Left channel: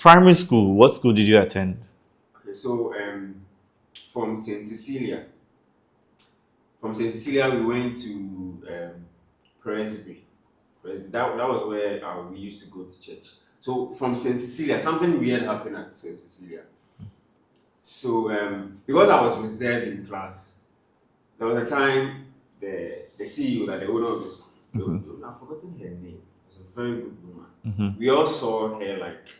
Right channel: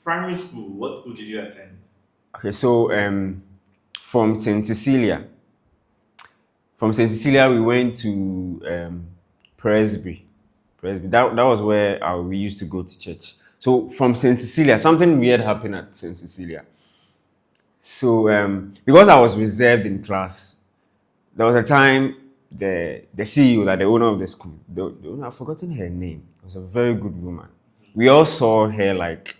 Primary school. What school did you attend? Okay, so from St. Cecilia. From St. Cecilia, we went to Presby. Presby. That was where we used to go to church. So from St. Cecilia, something weird happened at St. Cecilia. So because I was reserved in class, there was a time the CEO, like the owner of the school, the owner, I've forgotten her name. It was a very good woman. We all saw her like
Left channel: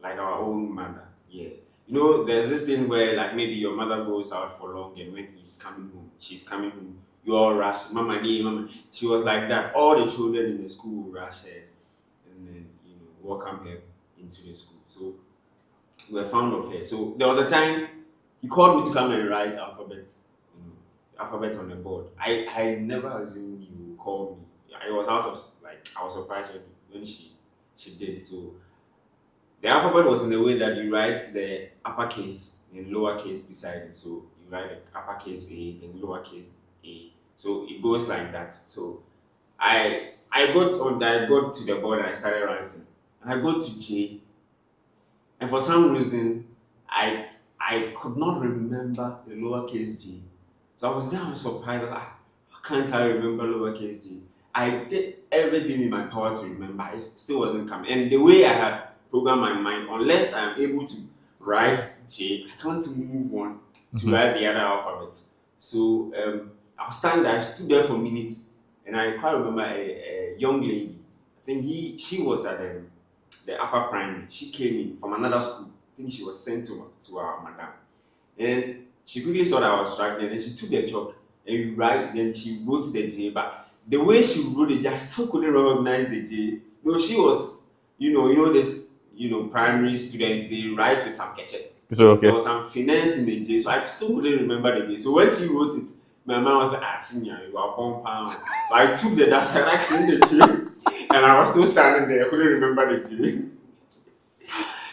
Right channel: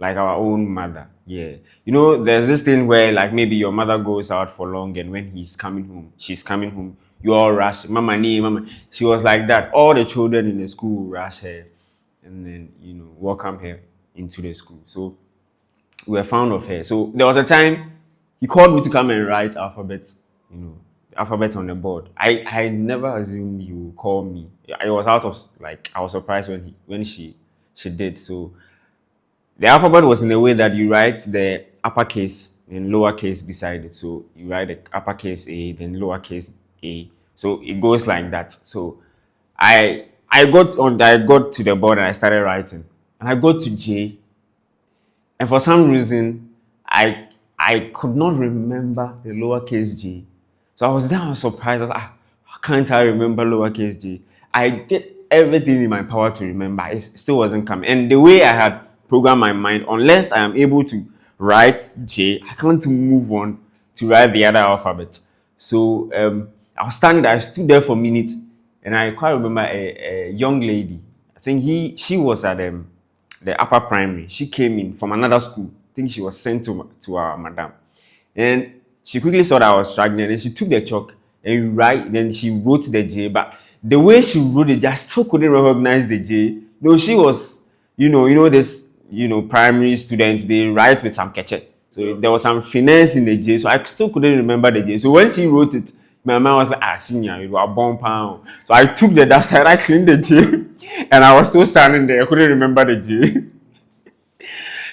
our own mother. Yeah. You know, there's this thing where like maybe your mother goes out for long and when she's coming home, you all rush, mama nee, mama. She was like that. All the children in the school rush her and then, welcome her into the school. So we were fond of her. So there was a time he called me to come and write alphabet, alphabet on the board. I never assumed he would call me. I was out of I was surprised when she did. So the alphabet was in a way that you write the uppercase and lowercase beside it. So you write the uppercase A, then lowercase a. So it goes like that. So I got to the board and I started writing. And I got to J. And for some reason, I could not remember the lowercase J. So I was surprised. I was like, how can't I remember lowercase J? I did everything in my power to remember. It still wasn't coming. And the way I had programmed my mind, unless I am able to write J, I can't move on to write the other alphabet. So I stood there for a minute, and I quite remember a young lady. I think she was at the upper primary. She came in from another school. I think she was sent to our madam. And she quickly saw that I was struggling, and she took the chalk and then she wrote the J. But the way she wrote it, I still couldn't recognize the J. No, she was, this, primary students, they write with some catchet. So there was some finesse in the J, so I still couldn't remember the J. So when she wrote it, my mind was like, senior, you are born pound. So I took the dust, I cleaned the J, and I was still standing there. I couldn't remember the J.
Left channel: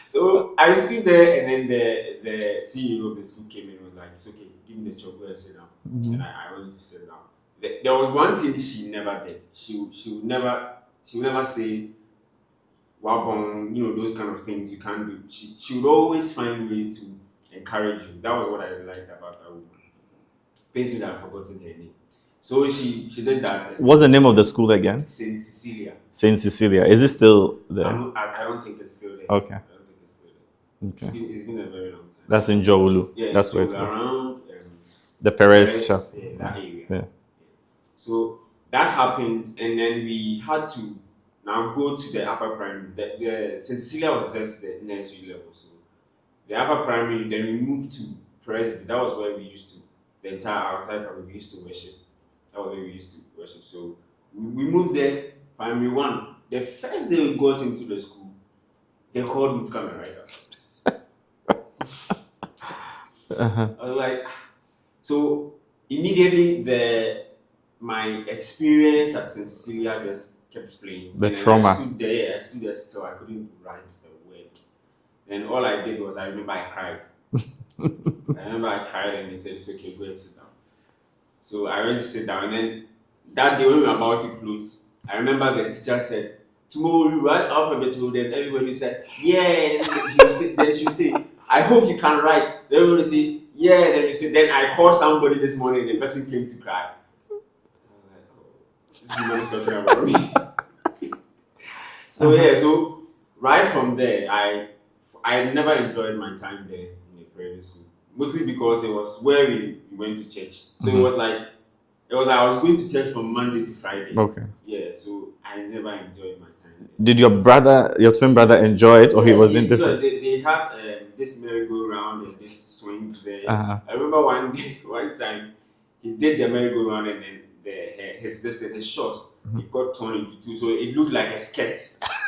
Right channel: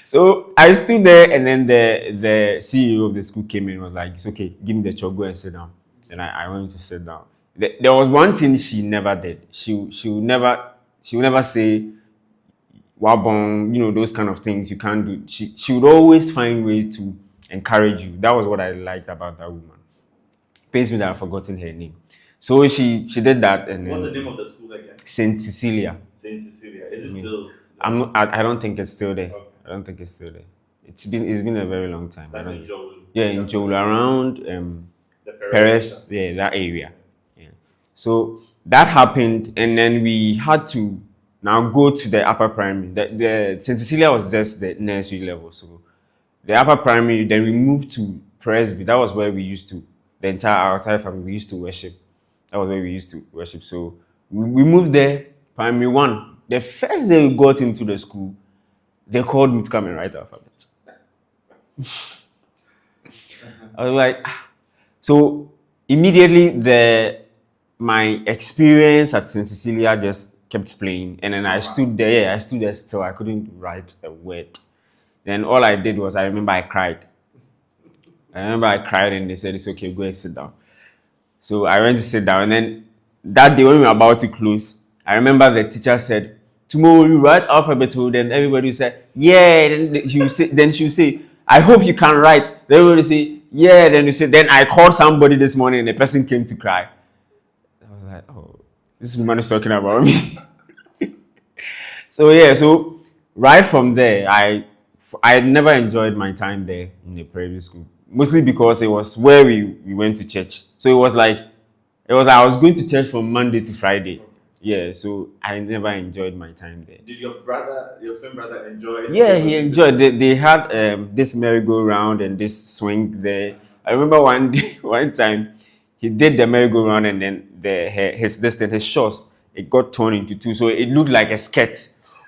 So I stood there, and then the CEO of the school came in and was like, it's okay, give me the chalk, go and sit down. And I went to sit down. There was one thing she never did. She would never say, wabong, those kind of things you can't do. She would always find way to encourage you. That was what I liked about that woman. Pains me that I've forgotten her name. So she did that. What's the name of the school again? St. Cecilia. St. Cecilia. Is it still there? I don't think it's still there. Okay. I don't think it's still there. It's been a very long time. That's in Dzorwulu. Yeah, that's Dzorwulu, around the Perez. Yeah, that area. Yeah. So that happened, and then we had to now go to the upper primary. The St. Cecilia was just the nursery level. So the upper primary, then we moved to Presby. That was where we used to, our entire family, we used to worship. That was where we used to worship. So we moved there, primary one. The first day we got into the school, they called me to come and write alphabet. I was like, so immediately my experience at St. Cecilia just kept playing. And then I stood there still. I couldn't write a word. Then all I did was, I remember I cried. And they said, it's okay, go and sit down. So I went to sit down, and then that day when we were about to close, I remember the teacher said, tomorrow you write alphabet. Then everybody would say, yeah. Then she would say, I hope you can write. Then everybody would say, yeah. Then I called somebody this morning, and the person came to cry. I was like, oh, this woman is talking about me. So right from there, I never enjoyed my time there in the private school. Mostly because it was where we went to church. So it was like I was going to church from Monday to Friday. Okay. Yeah, so I never enjoyed my time there. Did your twin brother enjoy it? Yeah, or he enjoyed. They had this merry-go-round and this swing there. I remember one time he did the merry-go-round, and then his shorts, it got torn into two, so it looked like a skirt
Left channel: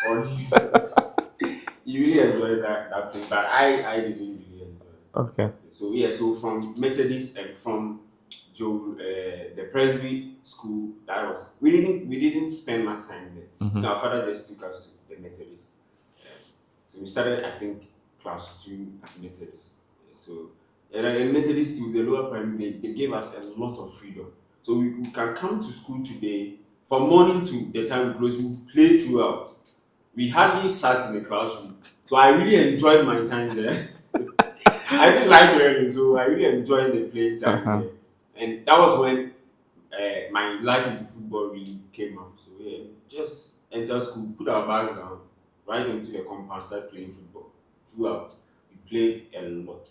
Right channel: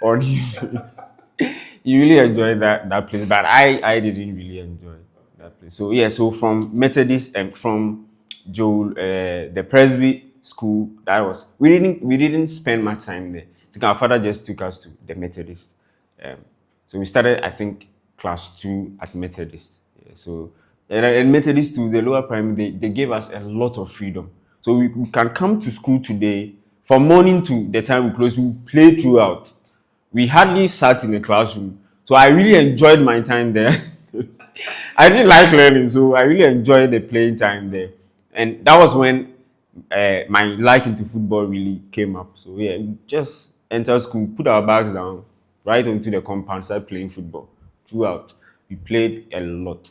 on him. He really enjoyed that place, but I didn't really enjoy it. Okay. So from Methodist and from the Presby school, we didn't spend much time there. Our father just took us to the Methodist. So we started, I think, class 2 at Methodist. Yeah, so and Methodist to the lower primary, they gave us a lot of freedom. So we can come to school today, from morning to the time we close, we play throughout. We hardly sat in the classroom. So I really enjoyed my time there. I didn't like learning, so I really enjoyed the playing time there. And that was when my like into football really came up. So yeah, we just enter school, put our bags down, right onto the compound, start playing football. Throughout, we played a lot.